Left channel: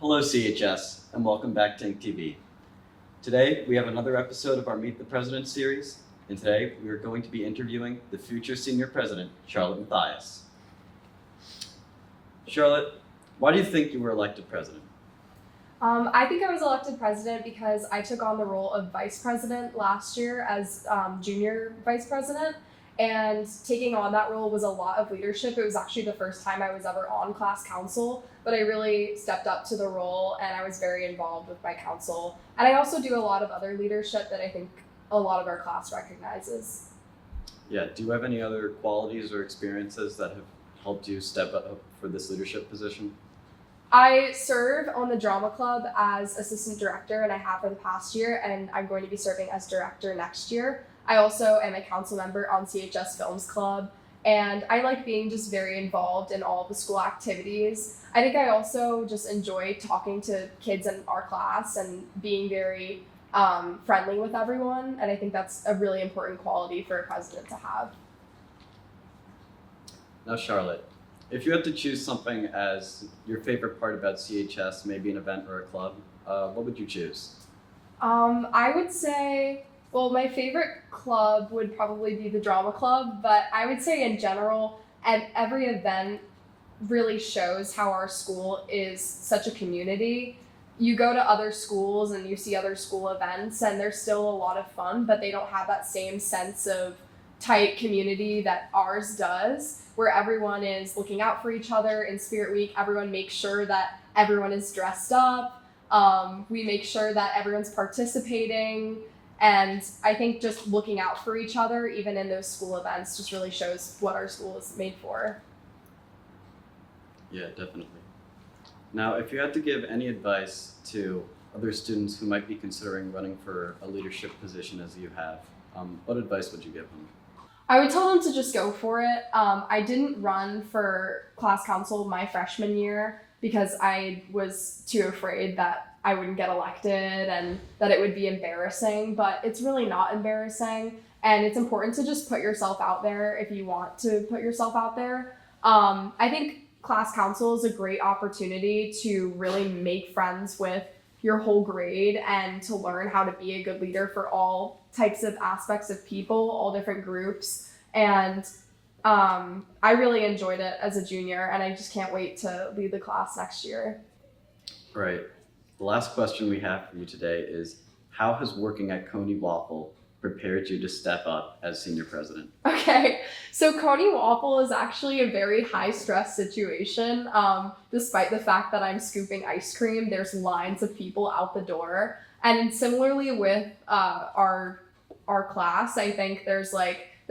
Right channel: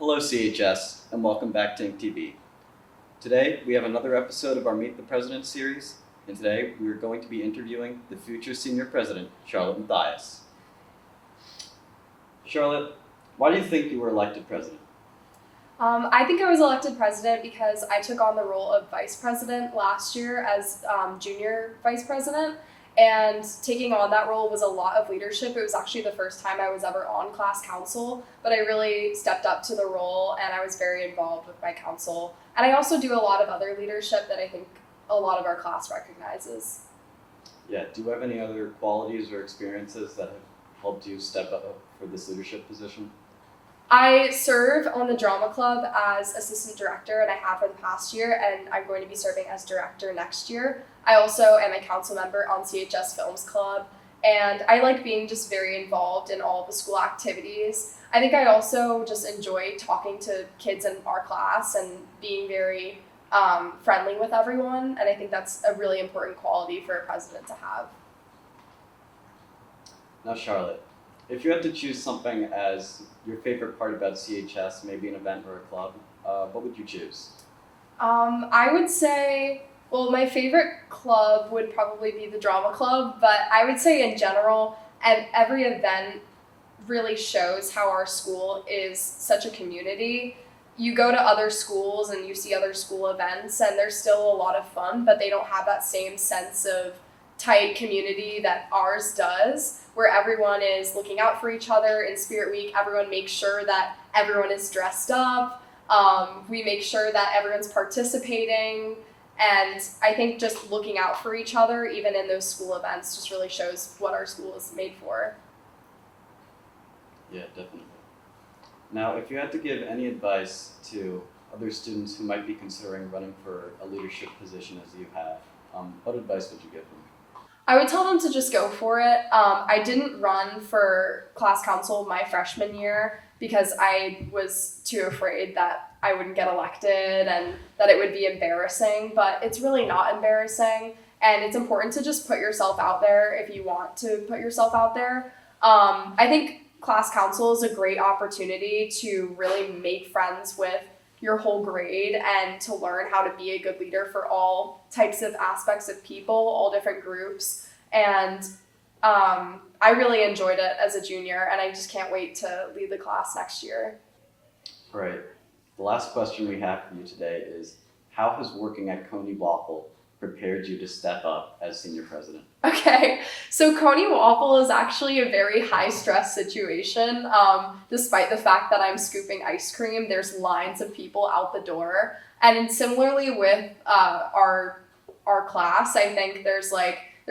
Hello CHS, and welcome back to Ink TV. Today, we have another episode of our Meet the President series, and today we are going to be interviewing the future senior president, Charlotte Mathais. Charlotte, why do you think you were elected president? I think I was elected president because I took on the role of vice president last year as junior vice president, and taking on that role was a lot of leadership. It was actually the first time I was ever on class council, but I really stepped up to the role and I was very involved with my council. And I also do a lot of other leadership that I think a lot of our class recognizes. Yeah, do you have any other qualities or experiences that have helped you step up for this leadership position? I serve on the drama club as assistant director, and I have for the past year, and I'm going to be serving as director next year. I also am a council member on CHS Films Club, and I like being just very involved in all the school activities. I think I also just enjoy talking to kids in our class and being very friendly with everyone, and I think that's a really important quality for a president to have. Now Charlotte, if you had to choose something as your favorite part about CHS, maybe an event or a club, what would you choose? I would say, well, my favorite club would probably be the drama club, but I would say in general, and every event really shows how our school is such a community. You go to other schools and you see other school events and they're still a lot of fun, but they don't have that same sense of tight community that ours does, where everyone is looking out for each other. In Spirit Week, everyone makes sure that everyone is dressed up. We make sure that everyone's participating. And I think just looking out for each other, even in those school events, just really shows what our school is made for. Yeah, definitely. Now, if you had to give any advice to other students who might be considering running for a leadership position as you have, what advice would you give them? I would tell them to just go for it. I didn't run for class council my freshman year because I was too afraid that I wouldn't get elected and that it would be embarrassing, but it's really not embarrassing. And it's important to just put yourself out there if you want to put yourself out there. I think class council is a great opportunity to really make friends with your whole grade and to learn how to be a good leader for all types of aspects of people, all different groups. And I really enjoyed it as a junior, and I just can't wait to lead the class next year. Right. The last question we have for you today is, how has working at Coney Waffle prepared you to step up as senior president? Okay, so Coney Waffle is actually a very high stress situation. Despite the fact that I'm scooping ice cream, there's lines of people out the door. And similarly with our class, I think there's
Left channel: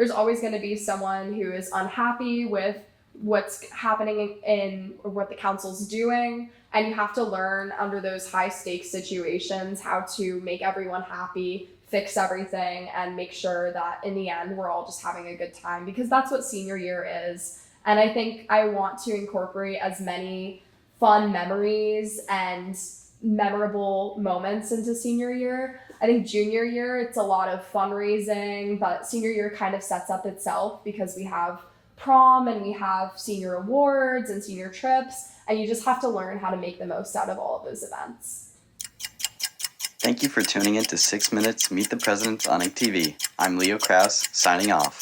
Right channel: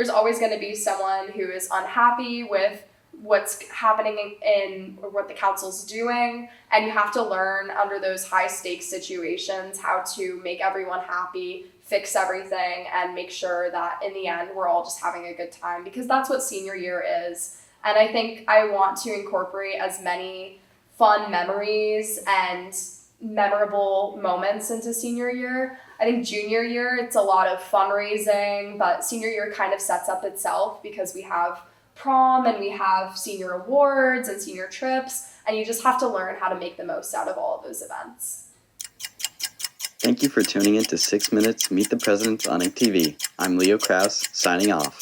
always going to be someone who is unhappy with what's happening or what the council's doing, and you have to learn under those high stakes situations how to make everyone happy, fix everything, and make sure that in the end we're all just having a good time, because that's what senior year is. And I think I want to incorporate as many fun memories and memorable moments into senior year. I think junior year, it's a lot of fundraising, but senior year kind of sets up itself because we have prom and we have senior awards and senior trips, and you just have to learn how to make the most out of all of those events. Thank you for tuning in to 6 Minutes Meet the President on Ink TV. I'm Kraus, signing off.